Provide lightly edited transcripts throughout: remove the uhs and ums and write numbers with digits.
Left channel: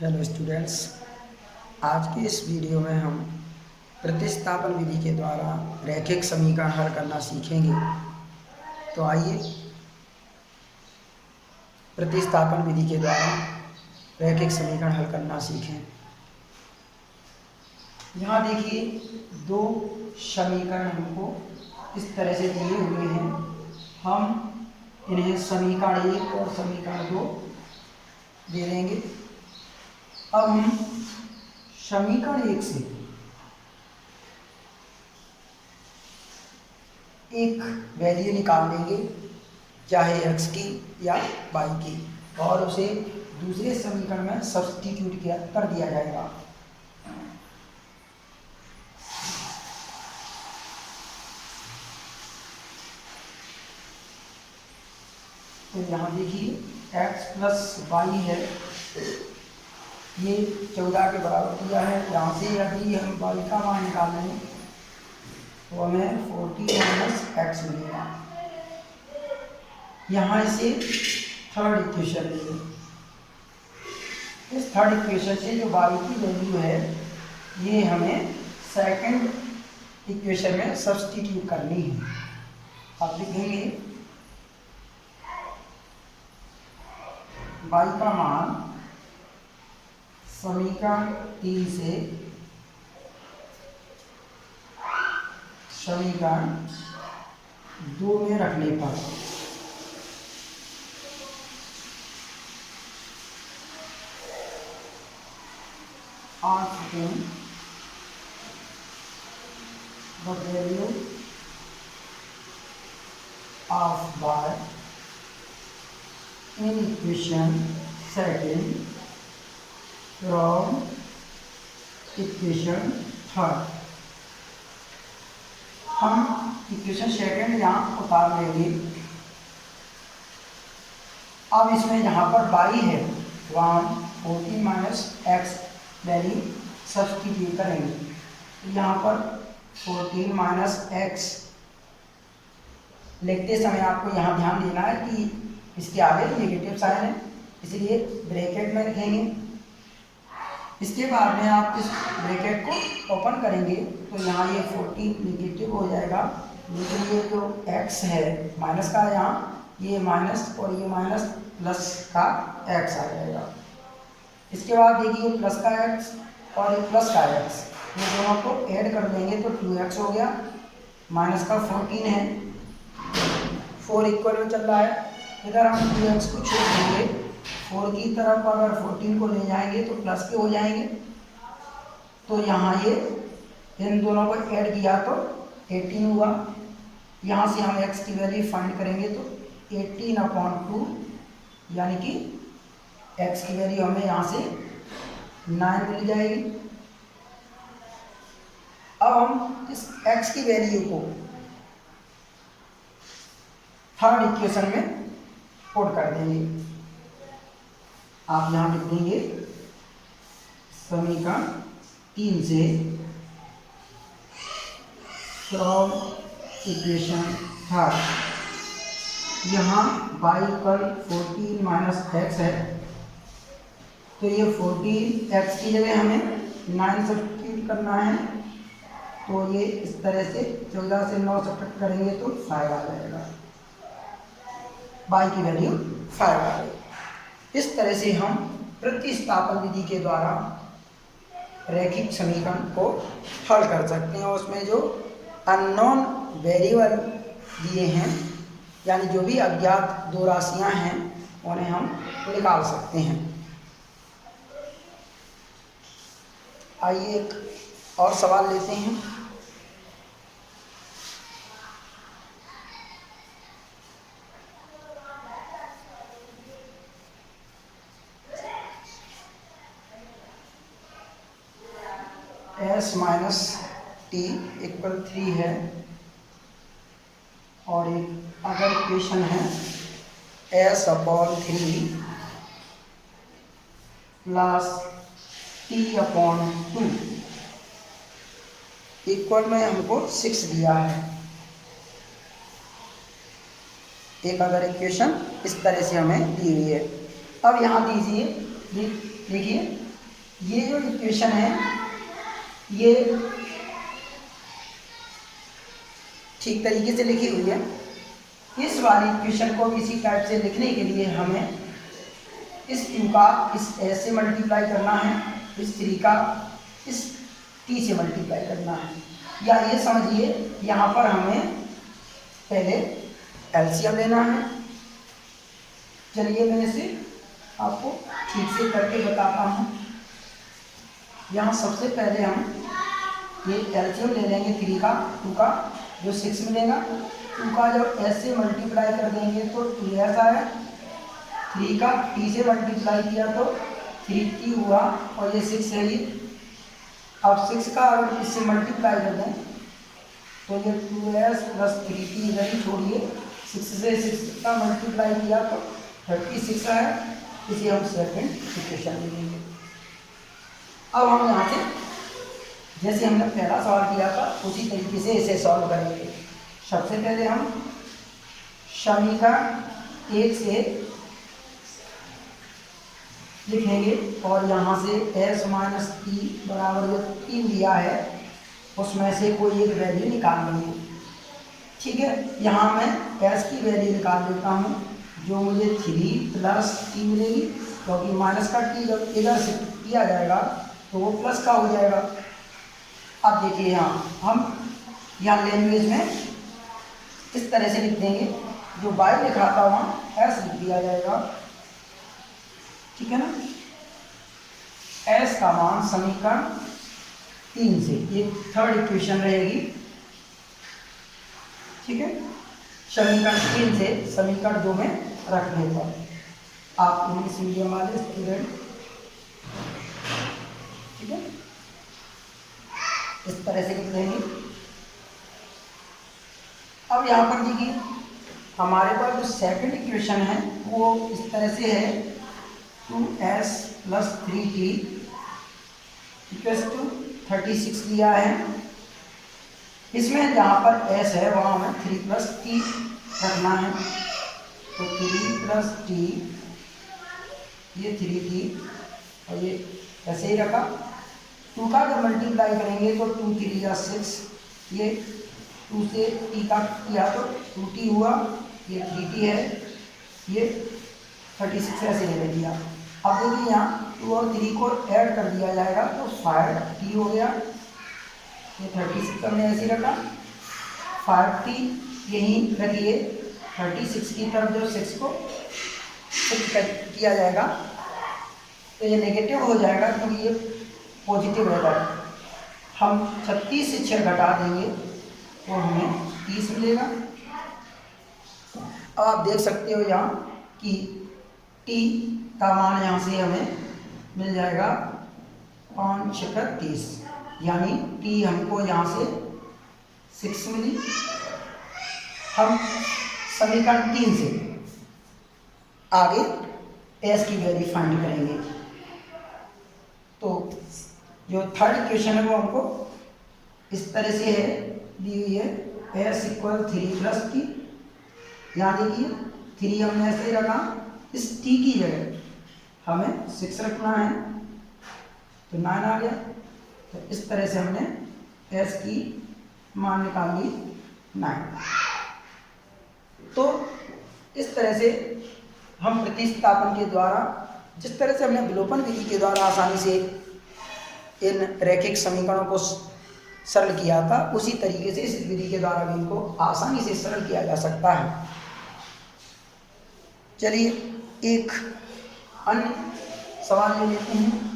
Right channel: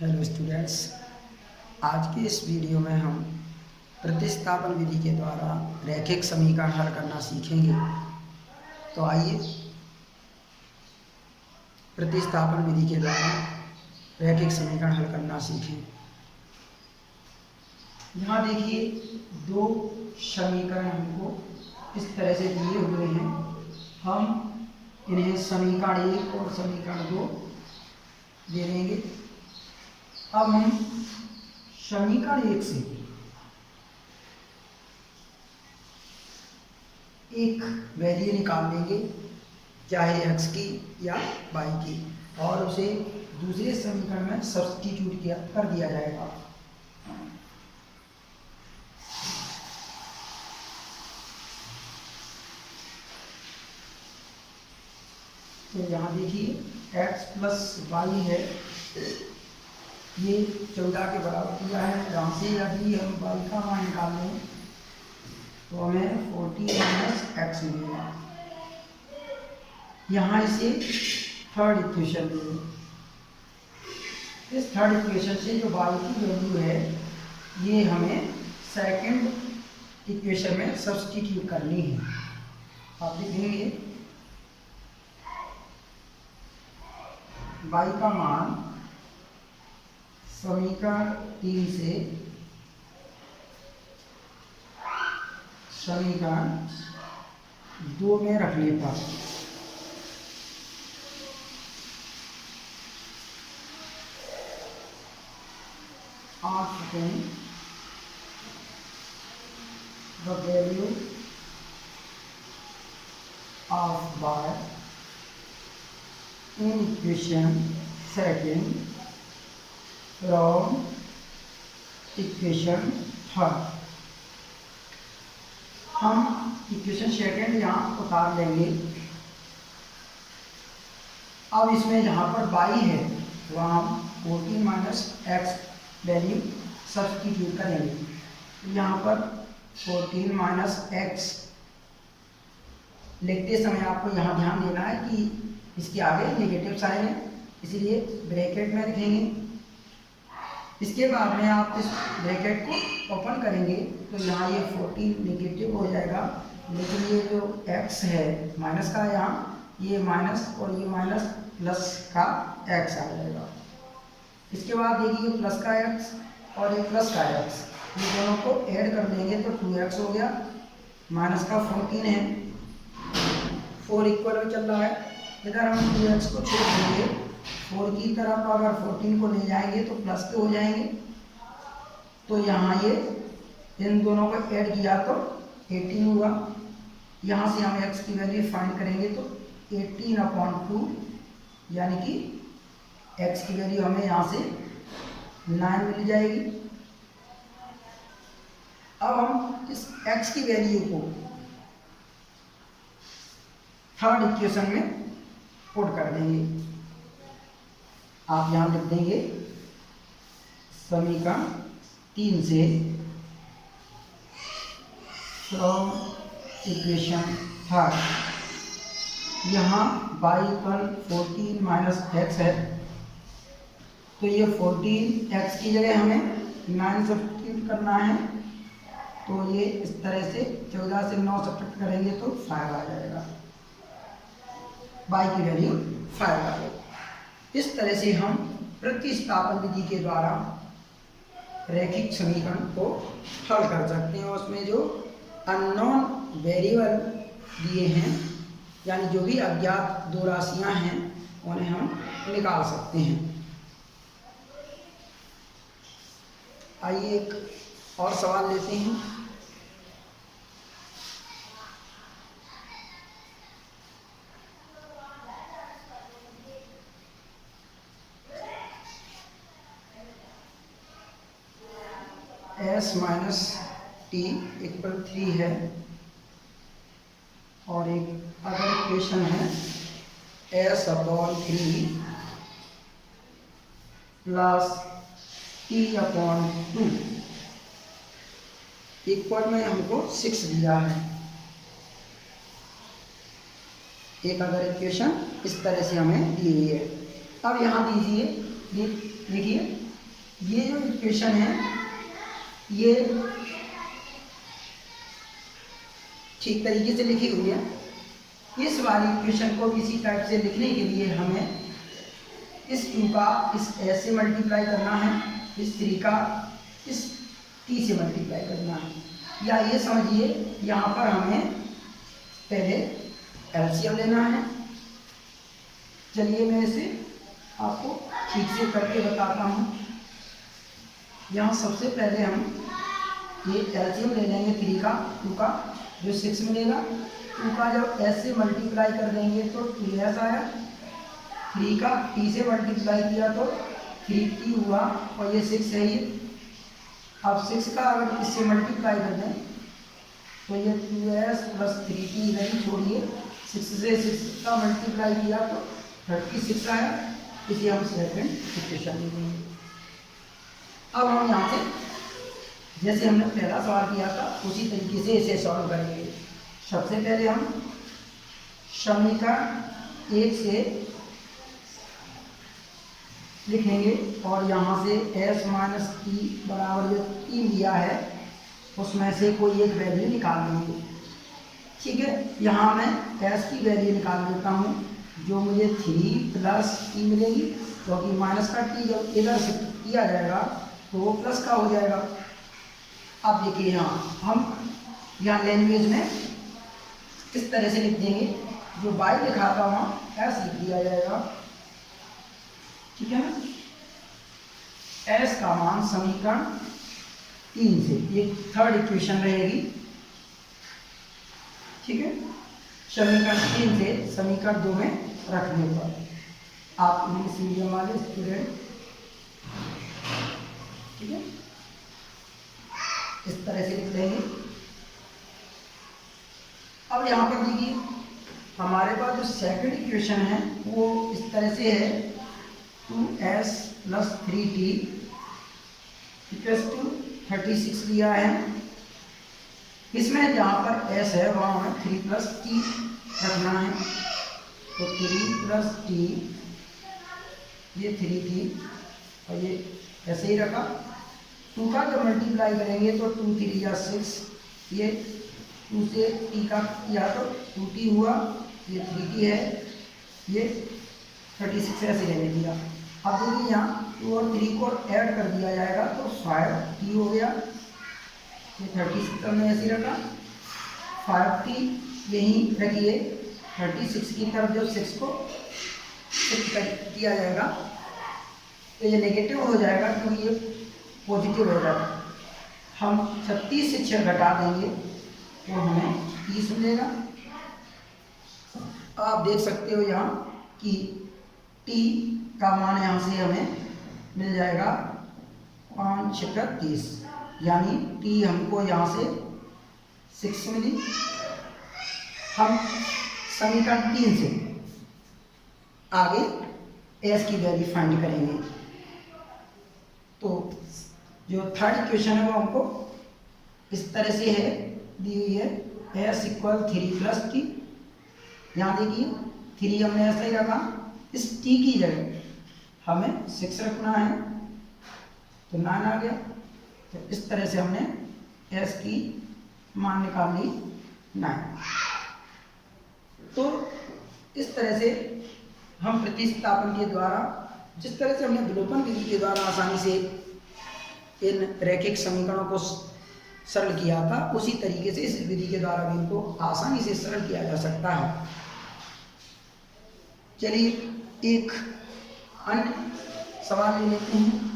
Hello students, आज के इस वीडियो में हम प्रतिस्थापन विधि के द्वारा रैखिक समीकरण हल करना सीखेंगे। तो आइए प्रतिस्थापन विधि के द्वारा रैखिक समीकरण हल करना सीखें। यहाँ देखिए दो समीकरण हमको इस तरह से दिए हुए हैं। हम इन्हें समीकरण 1 और समीकरण 2 दे देंगे। अब हम समीकरण 1 से एक वैल्यू निकाल लेंगे, चाहे x की या y की, और उसे दूसरे समीकरण में सब्स्टिट्यूट कर दिया जाएगा। तो यहाँ देखिए x प्लस वाई है, ये 14 के बराबर दिया है। यहाँ से यदि हम y का मान निकाल लें तो हमें 40 माइनस एक्स मिलेगा। यहाँ इसे थर्ड इक्वेशन लेंगे। इस थर्ड इक्वेशन से जो y की वैल्यू है ये हमें सेकंड इक्वेशन में सब्स्टिट्यूट करनी है। आप लिखेंगे y का मान समीकरण 3 से समीकरण 2 में रखने पर the value of y in equation second from equation third. हम इक्वेशन सेकंड यहाँ उतार लेंगे। अब इसमें जहाँ पर y है वहाँ हम 14 माइनस एक्स वैल्यू सब्स्टिट्यूट करेंगे। यहाँ पर 14 माइनस एक्स लिखते समय आपको यहाँ ध्यान देना है कि इसके आगे नेगेटिव साइन है, इसलिए ब्रैकेट में लिखेंगे। इसके बाद में आप इस ब्रैकेट को ओपन करेंगे तो यहाँ ये 14 नेगेटिव हो जाएगा, लेकिन ये जो x है माइनस का, यहाँ ये माइनस और ये माइनस प्लस का x आ जाएगा। इसके बाद देखिए प्लस का x और ये प्लस का x, ये दोनों को ऐड कर देंगे तो 2x हो गया। माइनस का 14 है, 4 इक्वल में चल रहा है, इधर हम 2x को छोड़ देंगे। 4 की तरफ अगर 14 को ले जाएंगे तो प्लस के हो जाएंगे। तो यहाँ ये इन दोनों को ऐड किया तो 18 हुआ। यहाँ से हम x की वैल्यू फाइंड करेंगे तो 18/2 यानी कि x की वैल्यू हमें यहाँ से 9 मिल जाएगी। अब हम इस x की वैल्यू को थर्ड इक्वेशन में पुट कर देंगे। आप यहाँ लिख देंगे समीकरण 3 से फ्रॉम इक्वेशन थर्ड। यहाँ y पर 14 माइनस एक्स है, तो ये 14x की जगह हमें 9 सब्स्टिट्यूट करना है। तो ये इस तरह से 14 से 9 सब्ट्रैक्ट करेंगे तो 5 आ जाएगा, y की वैल्यू 5 आ जाएगी। इस तरह से हम प्रतिस्थापन विधि के द्वारा रैखिक समीकरण को हल कर सकते हैं और उसमें जो अननोन वेरिएबल दिए हैं, यानी जो भी अज्ञात दो राशियां हैं, उन्हें हम निकाल सकते हैं। आइए एक और सवाल लेते हैं। s माइनस टी इक्वल 3 है और एक अगर इक्वेशन है s/3 प्लस t/2 इक्वल में हमको 6 दिया है। एक अगर इक्वेशन इस तरह से हमें दी हुई है। अब यहाँ दीजिए, देखिए ये जो इक्वेशन है ये ठीक तरीके से लिखी हुई है। इस वाली इक्वेशन को किसी टाइप से लिखने के लिए हमें इस 2 का इस s से मल्टीप्लाई करना है, इस 3 का इस t से मल्टीप्लाई करना है, या ये समझिए यहाँ पर हमें पहले एलसीएम लेना है। चलिए मैं इसे आपको ठीक से करके बताता हूँ। यहाँ सबसे पहले हम ये एलसीएम ले लेंगे 3 का 2 का, जो 6 मिलेगा। 2 का जब s से मल्टीप्लाई कर देंगे तो 2s आया, 3 का t से मल्टीप्लाई किया तो 3t हुआ, और ये 6 है ये। अब 6 का अगर इससे मल्टीप्लाई कर दें तो ये 2s प्लस 3t इधर ही छोड़िए, 6 से 6 का मल्टीप्लाई किया तो 36 आया। इसे हम सेकंड इक्वेशन ले लेंगे। अब हम यहाँ से जैसे हमने पहला सवाल किया था उसी तरीके से इसे सॉल्व करेंगे। सबसे पहले हम समीकरण 1 से लिखेंगे और यहाँ से s माइनस टी बराबर जो 3 दिया है उसमें से कोई एक वैल्यू निकाल लेंगे। ठीक है, यहाँ मैं s की वैल्यू निकाल देता हूँ, जो मुझे 3 प्लस t मिलेगी, क्योंकि माइनस का t जब इधर से किया जाएगा तो वो प्लस का हो जाएगा। अब देखिए यहाँ हम यहाँ लैंग्वेज में इस तरह से लिख देंगे, जो y लिखा था वहाँ s लिख दिया जाएगा। ठीक है ना, s का मान समीकरण 3 से, ये थर्ड इक्वेशन रहेगी। ठीक है, समीकरण 3 से समीकरण 2 में रखने पर आप इंग्लिश मीडियम वाले स्टूडेंट, ठीक है, इस तरह से लिख लेंगे। अब यहाँ पर देखिए हमारे पास जो सेकंड इक्वेशन है वो इस तरह से है, 2s plus 3t equals to 36 दिया है। इसमें जहाँ पर s है वहाँ हमें 3 प्लस t रखना है, तो 3 प्लस t, ये 3t और ये ऐसे ही रखा। 2 का जब मल्टीप्लाई करेंगे तो 2 3 या 6, ये 2 से t का किया तो 2t हुआ, ये 3t है, ये 36 ऐसे लेने दिया। अब देखिए यहाँ 2 और 3 को ऐड कर दिया जाएगा तो 5t हो गया, ये 36 हमने ऐसे ही रखा, 5t यहीं रखिए। 36 की तरफ जब 6 को किया जाएगा तो ये नेगेटिव हो जाएगा, क्योंकि ये पॉजिटिव रहेगा। हम 36 से 6 घटा देंगे तो हमें 30 मिलेगा। आप देख सकते हो यहाँ कि t का मान यहाँ से हमें मिल जाएगा 5 6 30, यानी t हमको यहाँ से 6 मिली। हम समीकरण 3 से आगे s की वैल्यू फाइंड करेंगे। तो जो थर्ड इक्वेशन है वो हमको इस तरह से है, दी हुई है s इक्वल 3 प्लस t। यहाँ देखिए 3 हमने ऐसा ही रखा, इस t की जगह हमें 6 रखना है तो 9 आ गया। तो इस तरह से हमने s की मान निकाल ली 9। तो इस तरह से हम प्रतिस्थापन के द्वारा, जिस तरह से हमने विलोपन विधि के द्वारा आसानी से इन रैखिक समीकरणों को सरल किया था, उसी तरीके से इस विधि के द्वारा भी इनको आसानी से सरल किया जा सकता है। चलिए एक अन्य सवाल ले लेते हैं।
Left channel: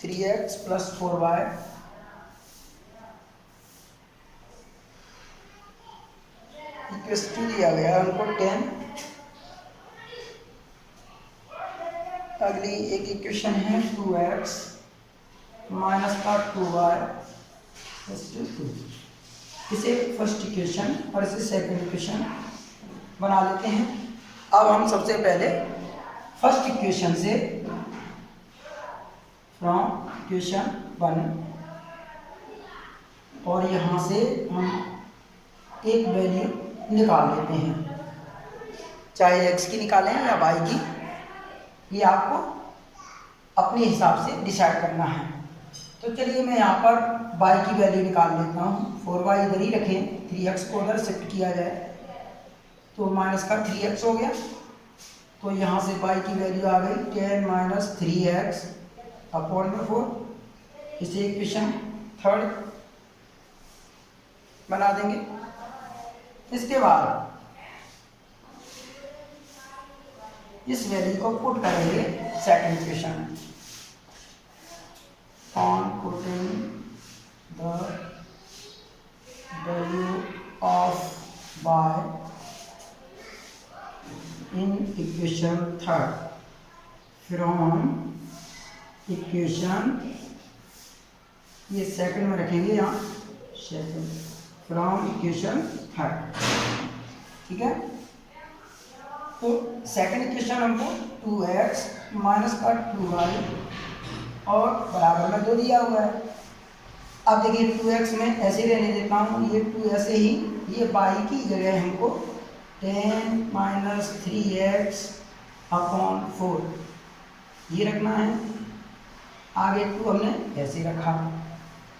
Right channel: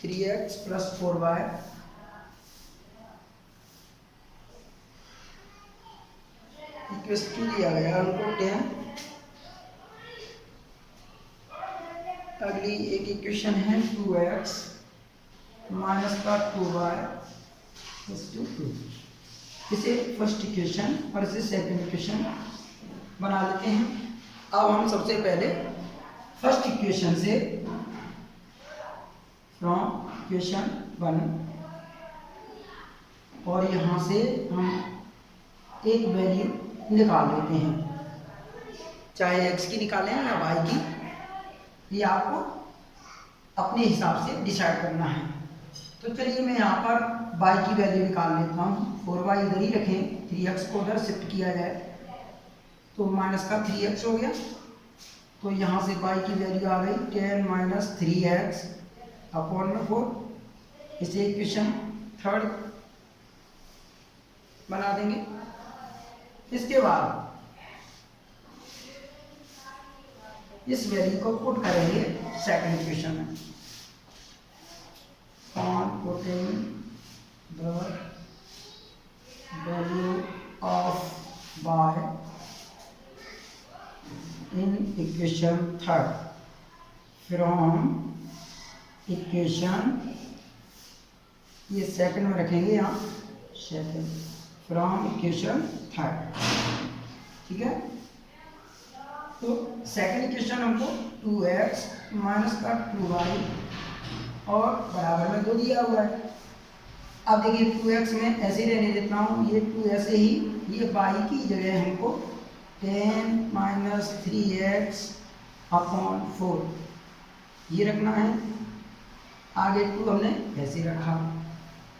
Three x plus 4y equals to दिया गया हमको 10। अगली एक इक्वेशन है 2x माइनस का 2y इक्वल्स टू 2। इसे फर्स्ट इक्वेशन और इसे सेकंड इक्वेशन बना लेते हैं। अब हम सबसे पहले फर्स्ट इक्वेशन से फ्रॉम इक्वेशन 1 और यहाँ से हम एक वैल्यू निकाल लेते हैं, चाहे x की निकालें या y की, ये आपको अपने हिसाब से डिसाइड करना है। तो चलिए मैं यहाँ पर y की वैल्यू निकाल लेता हूँ। 4y इधर ही रखें, 3x को उधर शिफ्ट किया जाए तो माइनस का 3x हो गया। तो यहाँ से y की वैल्यू आ गई 10 माइनस 3x अपॉन में 4। इसे इक्वेशन थर्ड बना देंगे। इसके बाद इस वैल्यू को पुट करेंगे सेकंड इक्वेशन में। On putting the value of y in equation third from equation, ये सेकंड में रखेंगे यहाँ, सेकंड फ्रॉम इक्वेशन थर्ड। ठीक है, तो सेकंड इक्वेशन हमको 2x माइनस का 2y और बराबर में 2 दिया हुआ है। अब देखिए 2x में ऐसे ही रहने देता हूँ, ये 2 ऐसे ही, ये y की जगह हमको 10 माइनस 3x अपॉन 4 ये रखना है। आगे 2 हमने ऐसे रखा।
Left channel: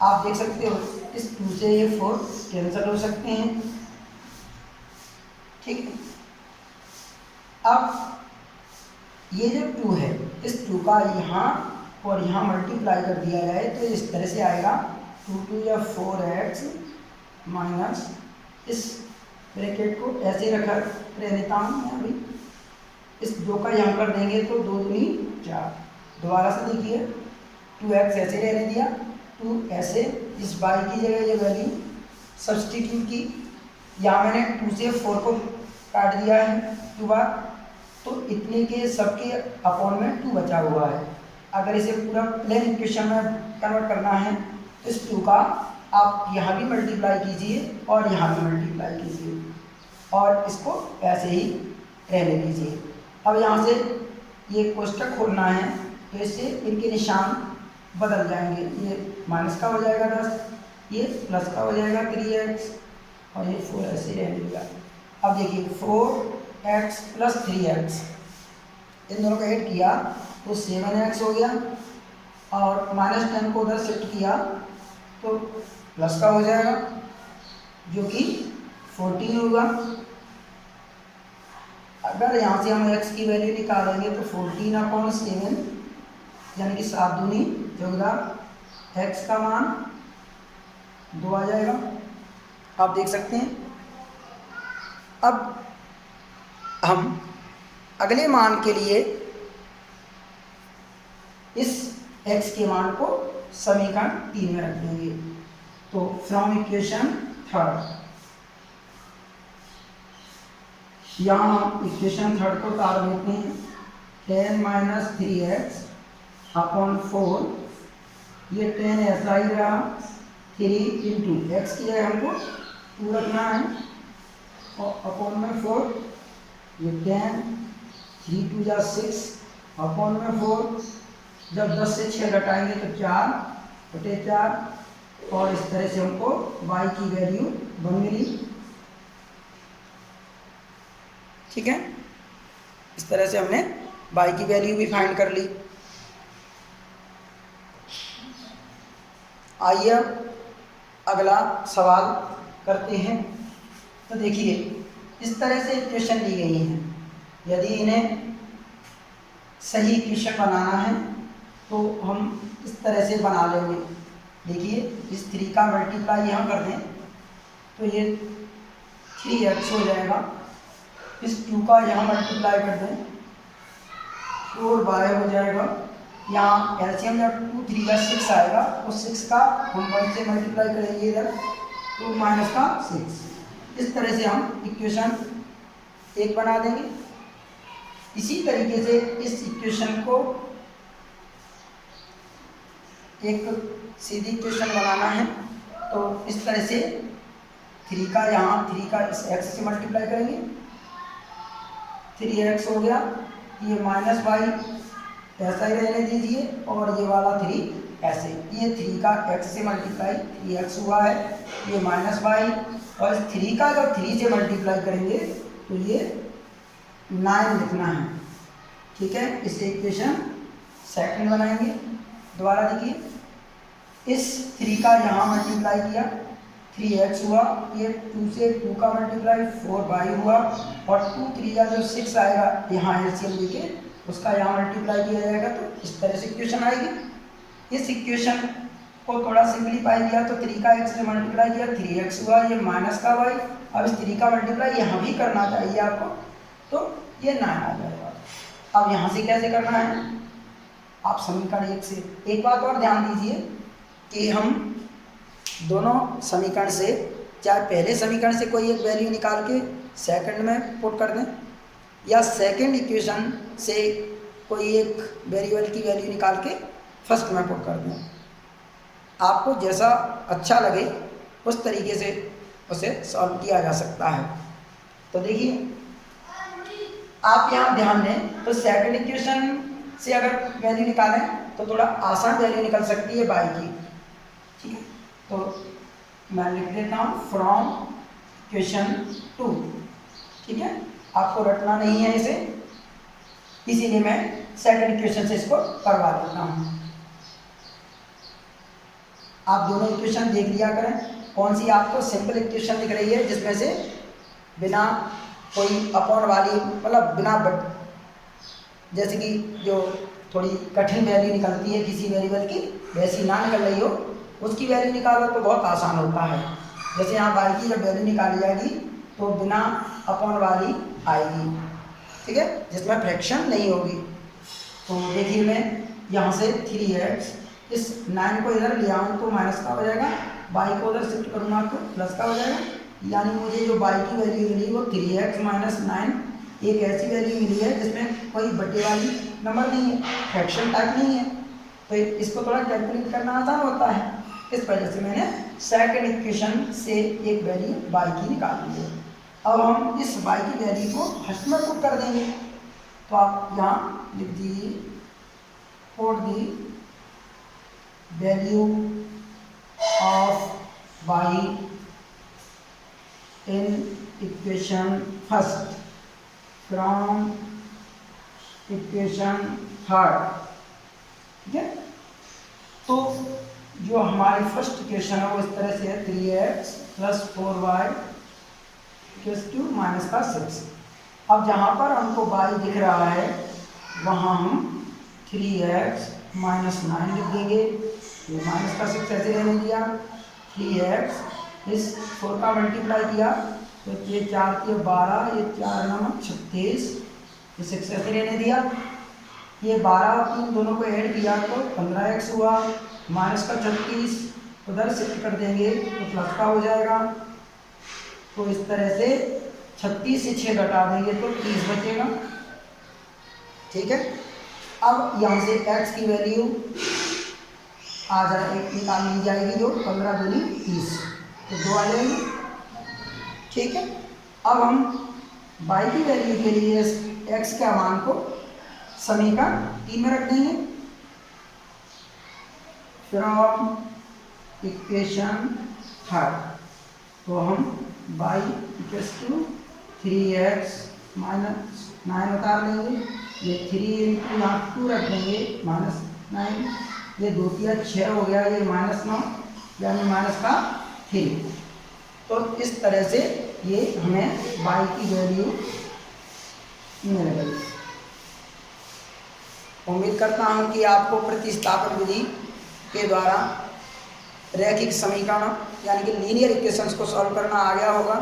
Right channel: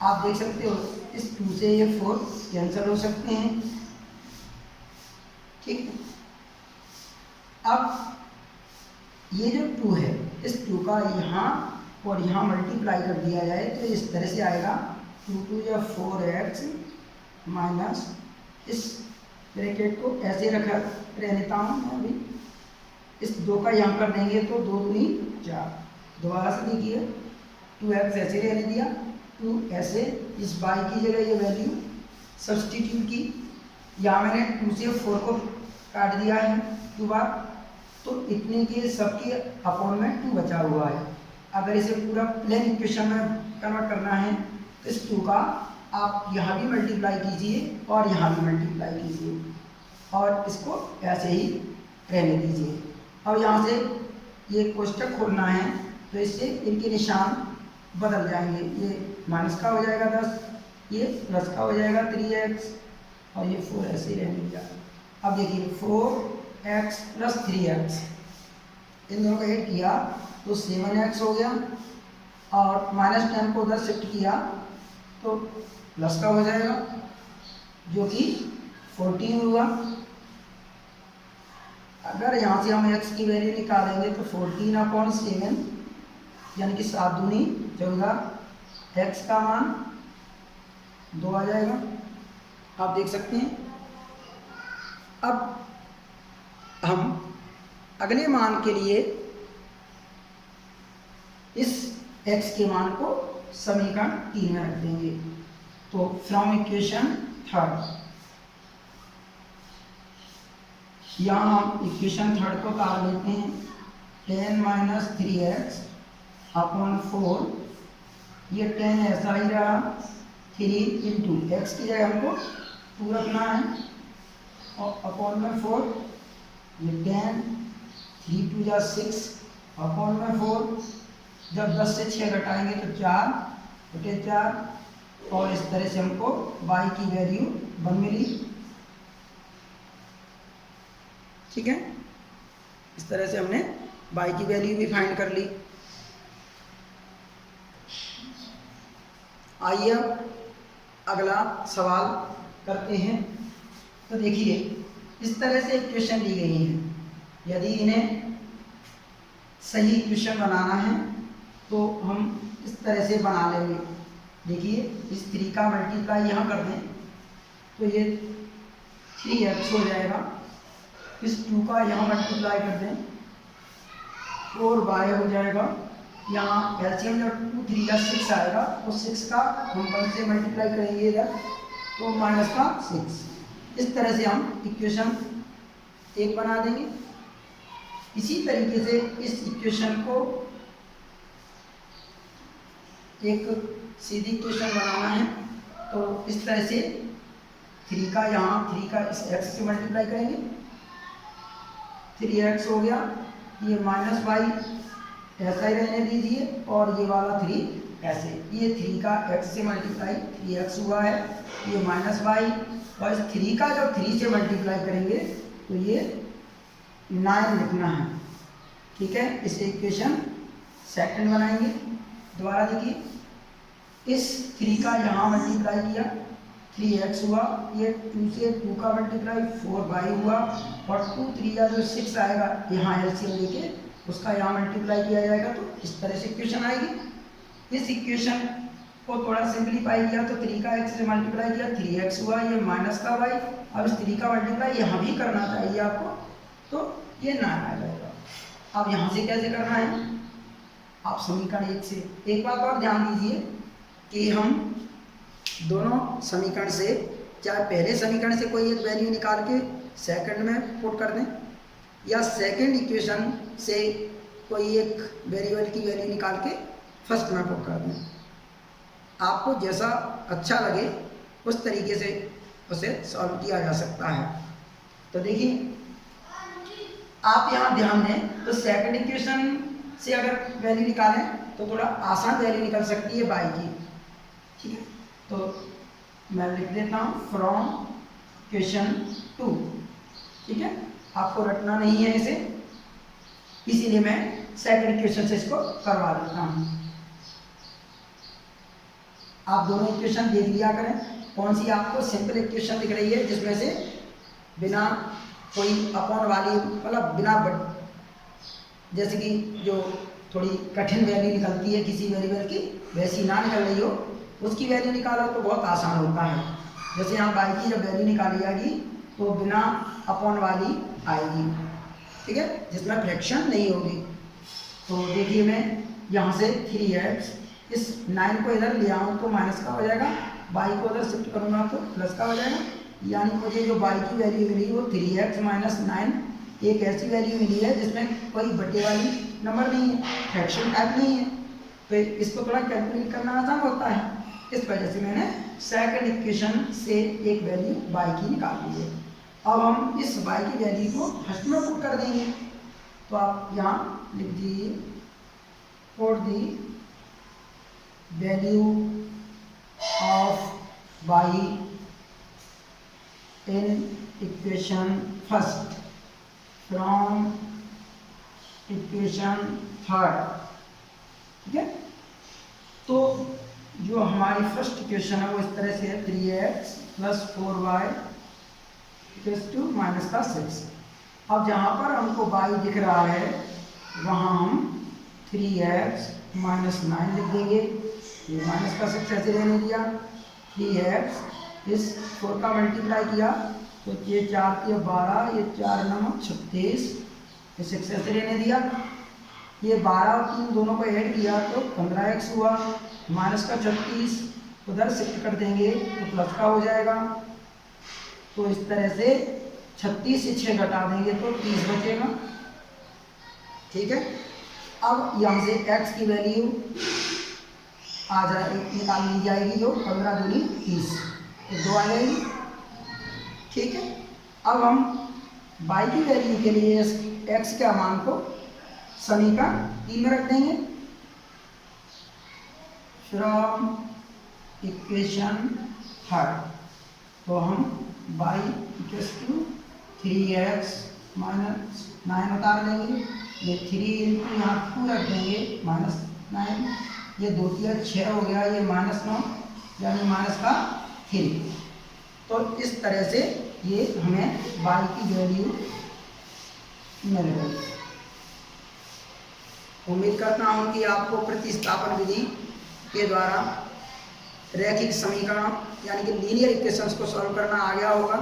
आप देख सकते हो इस 2 से ये 4 कैंसिल हो सकते हैं। ठीक, अब ये जो 2 है, इस 2 का यहाँ और यहाँ मल्टीप्लाई कर दिया जाए तो इस तरह से आएगा 2 2 या 4x माइनस, इस ब्रैकेट को ऐसे रखा रह देता हूँ मैं अभी। इस 2 का यहाँ कर देंगे तो 2 दूनी 4। दोबारा से देखिए 2x ऐसे रहने दिया, 2 ऐसे, इस y की जगह ये वैल्यू सब्सटीट्यूट की। यहाँ मैंने 2 से 4 को काट दिया है 2 बार, तो इतने के सबके अपॉन में 2 बचा हुआ है। अगर इसे पूरा प्लेन इक्वेशन में कन्वर्ट करना है तो इस 2 का आप यहाँ भी मल्टीप्लाई कीजिए और यहाँ भी मल्टीप्लाई कीजिए और इसको ऐसे ही रहने दीजिए। अब यहाँ से ये कोष्टक खोलना है तो इससे इनके निशान बदल जाएंगे। ये माइनस का हो जाएगा 10, ये प्लस का हो जाएगा 3x और ये 4 ऐसे ही रहने दिया। अब देखिए 4x प्लस 3x इन दोनों को ऐड किया तो 7x हो गया और माइनस 10 को उधर शिफ्ट किया तो प्लस का हो जाएगा जो कि 14 होगा। अगर यहाँ से हम x की वैल्यू निकालेंगे तो 14/7 यानी कि 7 दूनी 14, x का मान 2 आ जाएगा, आप देख सकते हैं। अब हम अगले मान के लिए इस x के मान को समीकरण 3 में रख देंगे। तो फ्रॉम इक्वेशन थर्ड, यहाँ हम इक्वेशन थर्ड को उतार देते हैं। 10 माइनस 3x अपॉन 4, ये 10 ऐसा ही रहा, 3 इंटू एक्स की जगह हमको 2 रखना है और अपॉन में 4, ये 10, 3 2 जा 6 अपॉन में 4, जब 10 से 6 घटाएंगे तो 4/4 और इस तरह से हमको y की वैल्यू 1 मिली। ठीक है, इस तरह से हमने y की वैल्यू भी फाइंड कर ली। आइए अगला सवाल करते हैं। तो देखिए इस तरह से इक्वेशन दी गई है, यदि इन्हें सही इक्वेशन बनाना है तो हम इस तरह से बना लेंगे। देखिए इस 3 का मल्टीप्लाई यहाँ कर दें तो ये 3x हो जाएगा, इस 2 का यहाँ मल्टीप्लाई कर दें 4y हो जाएगा। यहाँ एलसीएम जब 2 3 का 6 आएगा तो 6 का हम 1 से मल्टीप्लाई करेंगे इधर तो माइनस का 6। इस तरह से हम इक्वेशन 1 बना देंगे। इसी तरीके से इस इक्वेशन को एक सीधी इक्वेशन बनाना है तो इस तरह से 3 का यहाँ 3 का इस x से मल्टीप्लाई करेंगे, 3x हो गया, ये माइनस y ऐसा ही रहने दीजिए और ये वाला 3 ऐसे, ये 3 का x से मल्टीप्लाई 3x हुआ है, ये माइनस वाई, और इस 3 का जब 3 से मल्टीप्लाई करेंगे तो ये 9 लिखना है। ठीक है, इसे इक्वेशन सेकंड बनाएंगे। दोबारा देखिए, इस 3 का यहाँ मल्टीप्लाई किया 3x हुआ, ये 2 से 2 का मल्टीप्लाई 4y हुआ, और 2 3 का जो 6 आएगा यहाँ एलसीएम लेके उसका यहाँ मल्टीप्लाई किया जाएगा, तो इस तरह से इक्वेशन आएगी। इस इक्वेशन को थोड़ा सिंप्लीफाई किया तो 3 का x से मल्टीप्लाई किया 3x हुआ, ये माइनस का y, अब इस 3 का मल्टीप्लाई यहाँ भी करना चाहिए आपको, तो ये 9 आ जाएगा। अब यहाँ से कैसे करना है, आप समीकरण 1 से, एक बात और ध्यान दीजिए कि हम दोनों समीकरण से, चाहे पहले समीकरण से कोई एक वैल्यू निकाल के सेकंड में पुट कर दें, या सेकंड इक्वेशन से कोई एक वेरिएबल की वैल्यू निकाल के फर्स्ट में पुट कर दें, आपको जैसा अच्छा लगे उस तरीके से उसे सॉल्व किया जा सकता है। तो देखिए, आप यहाँ ध्यान दें तो सेकंड इक्वेशन से अगर वैल्यू निकालें तो थोड़ा आसान वैल्यू निकल सकती है y की। ठीक है, तो मैं लिख देता हूँ फ्रॉम इक्वेशन 2। ठीक है, आपको रटना नहीं है इसे, इसीलिए मैं सेकंड इक्वेशन से इसको करवा देता हूँ। आप दोनों इक्वेशन देख लिया करें, कौन सी आपको सिंपल इक्वेशन दिख रही है जिसमें से बिना कोई अपॉन वाली, मतलब बिना जैसे कि जो थोड़ी कठिन वैल्यू निकलती है किसी वेरिएबल की, वैसी ना निकल रही हो, उसकी वैल्यू निकालो तो बहुत आसान होता है। जैसे यहाँ y की जब वैल्यू निकाली जाएगी तो बिना अपॉन वाली आएगी, ठीक है, जिसमें फ्रैक्शन नहीं होगी। तो देखिए, मैं यहाँ से 3x, इस 9 को इधर ले आऊँ तो माइनस का हो जाएगा, y को उधर शिफ्ट करूँगा तो प्लस का हो जाएगा, यानी मुझे जो y की वैल्यू मिली वो 3x माइनस 9 एक ऐसी वैल्यू मिली है जिसमें कोई बटे वाली नंबर नहीं है, फ्रैक्शन टाइप नहीं है, तो इसको थोड़ा कैलकुलेट करना आसान होता है। इस वजह से मैंने सेकंड इक्वेशन से एक वैल्यू y की निकाल ली है। अब हम इस y की वैल्यू को फर्स्ट में पुट कर देंगे, तो आप यहाँ लिख दीजिए for the value of y in equation first from equation third. ठीक है, तो जो हमारी फर्स्ट इक्वेशन है वो इस तरह से है 3x plus 4y to minus का 6। अब जहाँ पर हमको y दिख रहा है वहाँ हम 3x माइनस 9 लिख देंगे, ये माइनस का 6 ऐसे रहने दिया, 3x इस 4 का मल्टीप्लाई किया तो ये 4 के 12, ये 4 9 36, ये 6 ऐसे रहने दिया, ये 12 और 3 दोनों को ऐड किया तो 15x हुआ, माइनस का 36 उधर शिफ्ट कर देंगे तो प्लस का हो जाएगा। तो इस तरह से 36 से 6 घटा देंगे तो 30 बचेगा। ठीक है, अब यहाँ से x की वैल्यू आ जाए निकाल ली जाएगी, जो 15 दूनी 30, तो 2 आ जाएगी। ठीक है, अब हम y की वैल्यू के लिए x के मान को समीकरण 3 में रख देंगे, फ्रॉम इक्वेशन थर्ड। तो हम y equals to 3x minus 9 उतार लेंगे, ये 3 इंटू यहाँ 2 रख देंगे माइनस 9, ये 2 3 6 हो गया, ये माइनस 9 यानी माइनस का 3। तो इस तरह से ये हमें y की वैल्यू मिल गई। उम्मीद करता हूँ कि आपको प्रतिस्थापन विधि के द्वारा रैखिक समीकरण यानी कि लीनियर इक्वेशंस को सॉल्व करना आ गया होगा।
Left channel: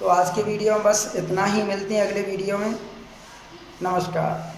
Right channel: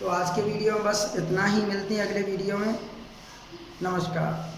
तो आज के वीडियो में बस इतना ही, मिलते हैं अगले वीडियो में। नमस्कार।